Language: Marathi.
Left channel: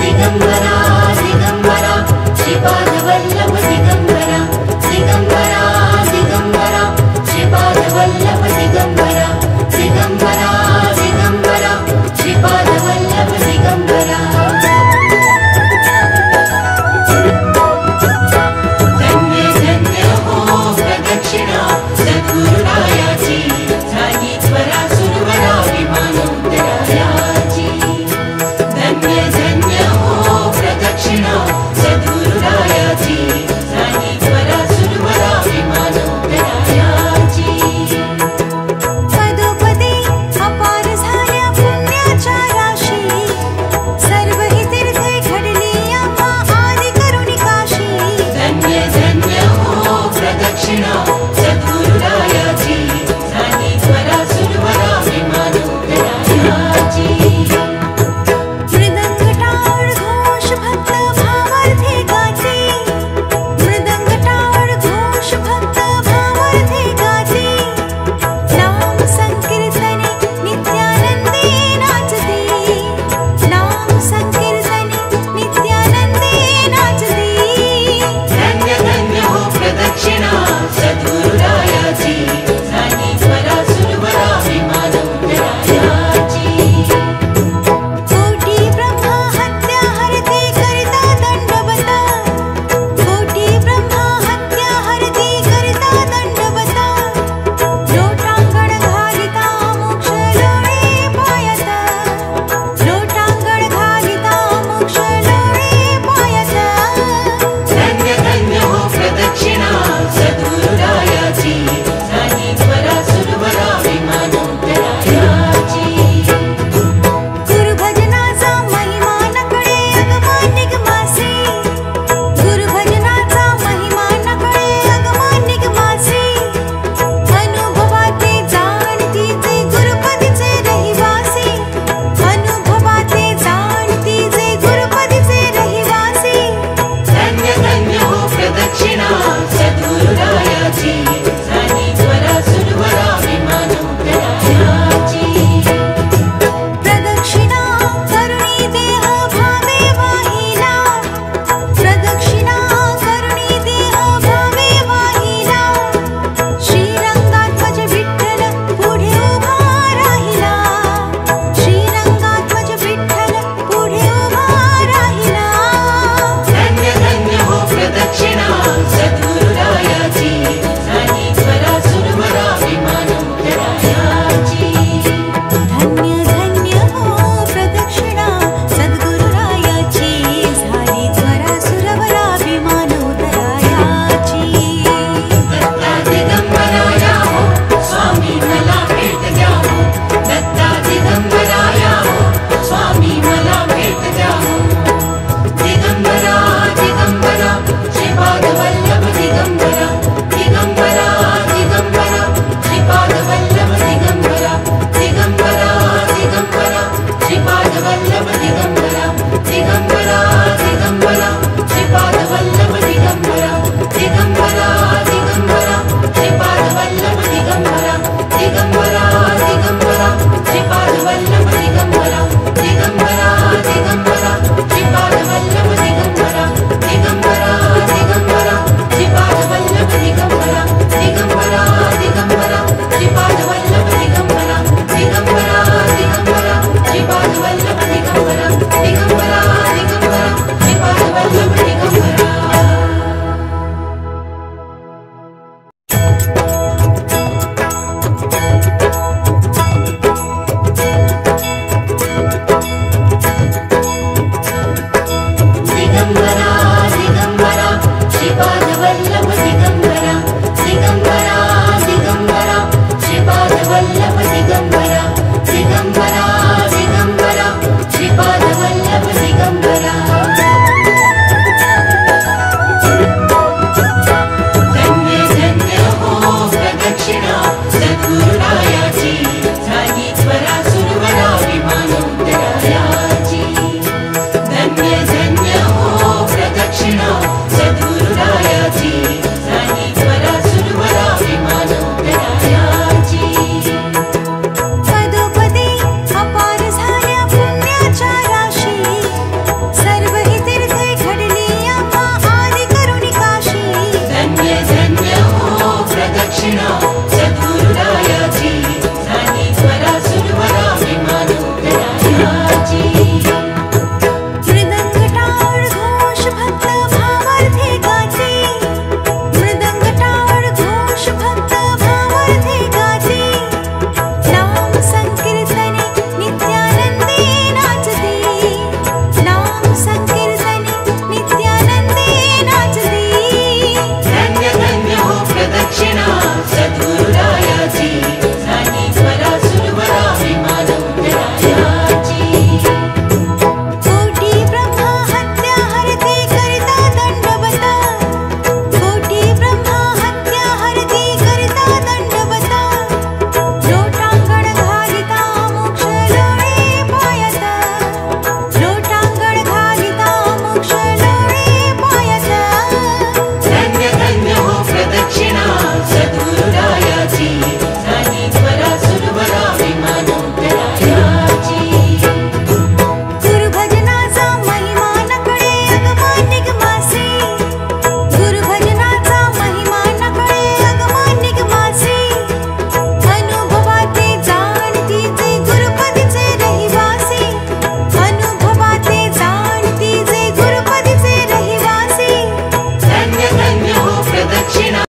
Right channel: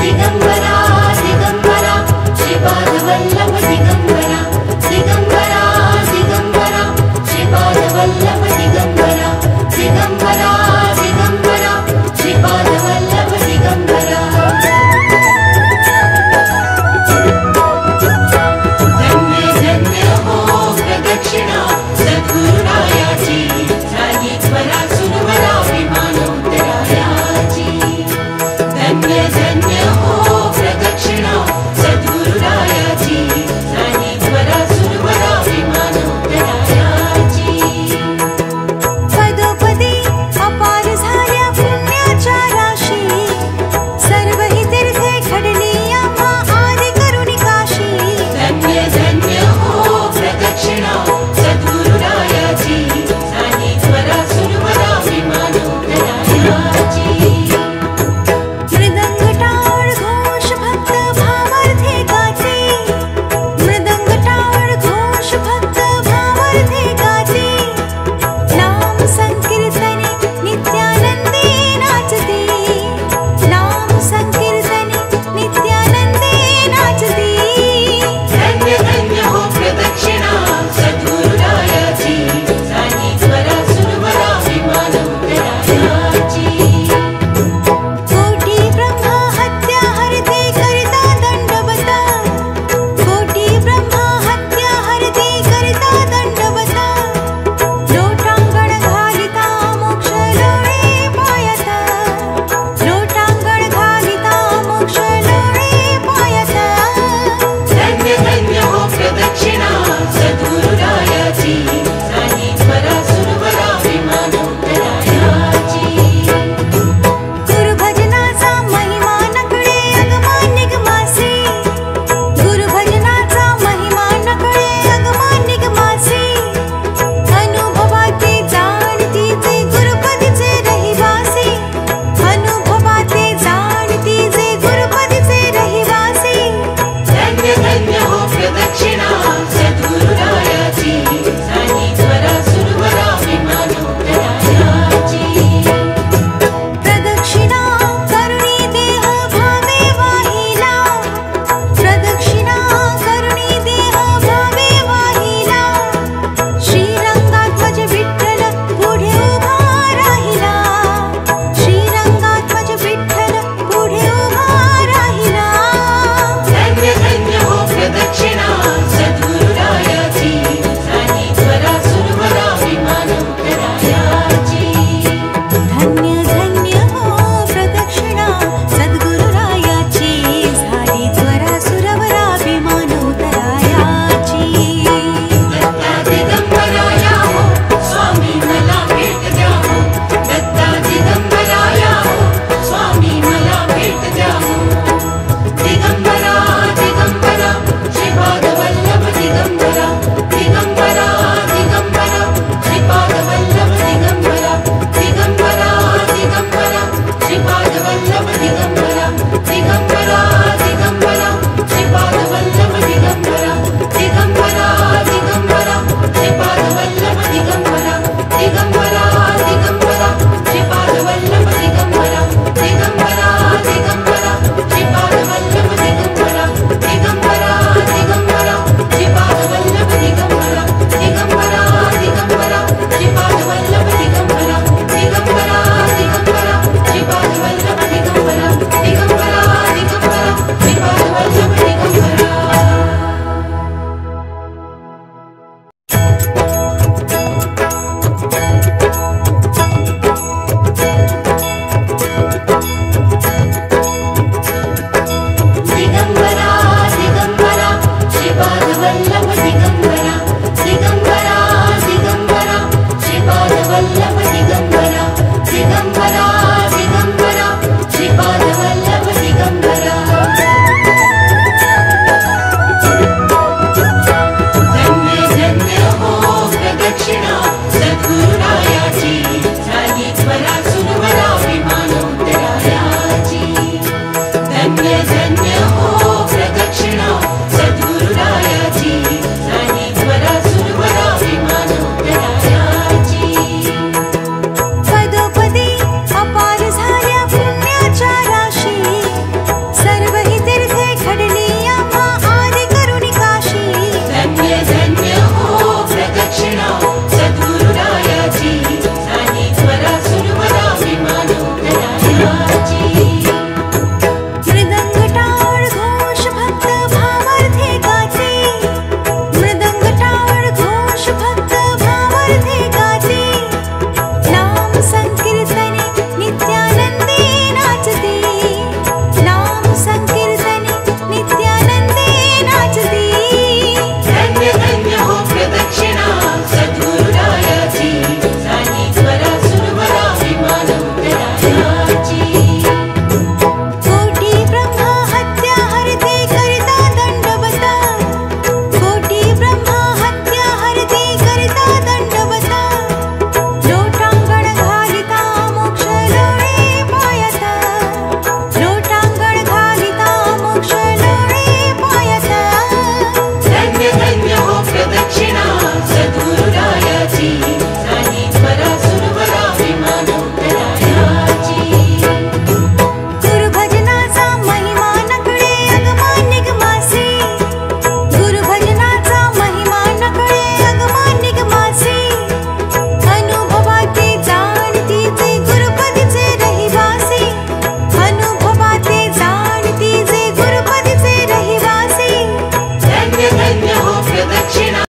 दिगंबरा दिगंबरा श्रीपाद वल्लभ दिगंबरा दिगंबरा दिगंबरा श्रीपाद वल्लभ दिगंबरा दिगंबरा दिगंबरा श्रीपाद वल्लभ दिगंबरा। धन्य धन्य हो प्रदक्षिणा सद्गुरुरायाची झाली त्वरा सुरवरा विमान उतरायाची। धन्य धन्य हो प्रदक्षिणा सद्गुरुरायाची झाली त्वरा सुरवरा विमान उतरायाची। पदोपदी अपार झाल्या पुण्याच्या राशी सर्व ही तीर्थे घडली आम्हा आदि करुणी काशी। धन्य धन्य हो प्रदक्षिणा सद्गुरुरायाची झाली त्वरा सुरवरा विमान उतरायाची। मृदंग टाळ घोष भक्त भावार्थे गाते मृदंग टाळ घोष भक्त भावार्थे गाते। नाम संकीर्तने नित्यानंदे नाचते नाम संकीर्तने नित्यानंदे नाचते। धन्य धन्य हो प्रदक्षिणा सद्गुरुरायाची झाली त्वरा सुरवरा विमान उतरायाची। कोटी ब्रह्मा हत्या हरते करता दंडवत कोटी ब्रह्मा हत्या हरते करता दंडवत। लोटांगण घालिता मोक्ष लोळे पायत लोटांगण घालिता मोक्ष लोळे पायत। धन्य धन्य हो प्रदक्षिणा सद्गुरुरायाची झाली त्वरा सुरवरा विमान उतरायाची। गुरुभजनाचा महिमा नकळे अगमा निगमासे गुरुभजनाचा महिमा नकळे अगमा निगमासे। अनुभवाते जाणती जे गुरुपदीचे रहिवासी अनुभवाते जाणती जे गुरुपदीचे रहिवासी। धन्य धन्य हो प्रदक्षिणा सद्गुरुरायाची झाली त्वरा सुरवरा विमान उतरायाची। प्रदक्षिणा करुणी देह भावे वाहिला प्रदक्षिणा करुणी देह भावे वाहिला। श्रीरंगात्मज विठ्ठल पुढे उभा राहिला श्रीरंगात्मज विठ्ठल पुढे उभा राहिला। धन्य धन्य हो प्रदक्षिणा सद्गुरुरायाची झाली त्वरा सुरवरा विमान उतरायाची। धन्य धन्य हो प्रदक्षिणा सद्गुरुरायाची झाली त्वरा सुरवरा विमान उतरायाची। दत्ता दिगंबराया हो स्वामी मला भेट द्या हो दत्ता दिगंबराया हो स्वामी मला भेट द्या हो। दिगंबरा दिगंबरा श्रीपाद वल्लभ दिगंबरा दिगंबरा दिगंबरा श्रीपाद वल्लभ दिगंबरा दिगंबरा दिगंबरा श्रीपाद वल्लभ दिगंबरा दिगंबरा दिगंबरा श्रीपाद वल्लभ दिगंबरा दिगंबरा दिगंबरा श्रीपाद वल्लभ दिगंबरा दिगंबरा दिगंबरा श्रीपाद वल्लभ दिगंबरा दिगंबरा दिगंबरा श्रीपाद वल्लभ दिगंबरा दिगंबरा दिगंबरा श्रीपाद वल्लभ दिगंबरा दिगंबरा दिगंबरा श्रीपाद वल्लभ दिगंबरा दिगंबरा दिगंबरा श्रीपाद वल्लभ दिगंबरा दिगंबरा दिगंबरा श्रीपाद वल्लभ दिगंबरा। दिगंबरा दिगंबरा श्रीपाद वल्लभ दिगंबरा दिगंबरा दिगंबरा श्रीपाद वल्लभ दिगंबरा दिगंबरा दिगंबरा श्रीपाद वल्लभ दिगंबरा। धन्य धन्य हो प्रदक्षिणा सद्गुरुरायाची झाली त्वरा सुरवरा विमान उतरायाची। धन्य धन्य हो प्रदक्षिणा सद्गुरुरायाची झाली त्वरा पदोपदी अपार झाल्या पुण्याच्या राशी, सर्व ही तीर्थे घडली आम्हा आदि करुणी काशी. धन्य धन्य हो प्रदक्षिणा सद्गुरुरायाची, झाली त्वरा सुरवरा विमान उतरायाची. मृदंग टाळ घोष भक्त भावार्थे गाते, मृदंग टाळ घोष भक्त भावार्थे गाते. नाम संकीर्तने नित्यानंदे नाचती, नाम संकीर्तने नित्यानंदे नाचती. धन्य धन्य हो प्रदक्षिणा सद्गुरुरायाची, झाली त्वरा सुरवरा विमान उतरायाची. कोटी ब्रह्मा हत्या हरते करता दंडवत, कोटी ब्रह्मा हत्या हरते करता दंडवत. लोटांगण घालिता मोक्ष लोळे पायत, लोटांगण घालिता मोक्ष लोळे पायत. धन्य धन्य हो प्रदक्षिणा सद्गुरुरायाची, झाली त्वरा सुरवरा विमान उतरायाची. गुरुभजनाचा महिमा नकळे अगमा निगमासे, गुरुभजनाचा महिमा नकळे अगमा निगमासे. अनुभवाते जाणती जे गुरुपदीचे रहिवासी, अनुभवाते जाणती जे गुरुपदीचे रहिवासी. धन्य धन्य हो प्रदक्षिणा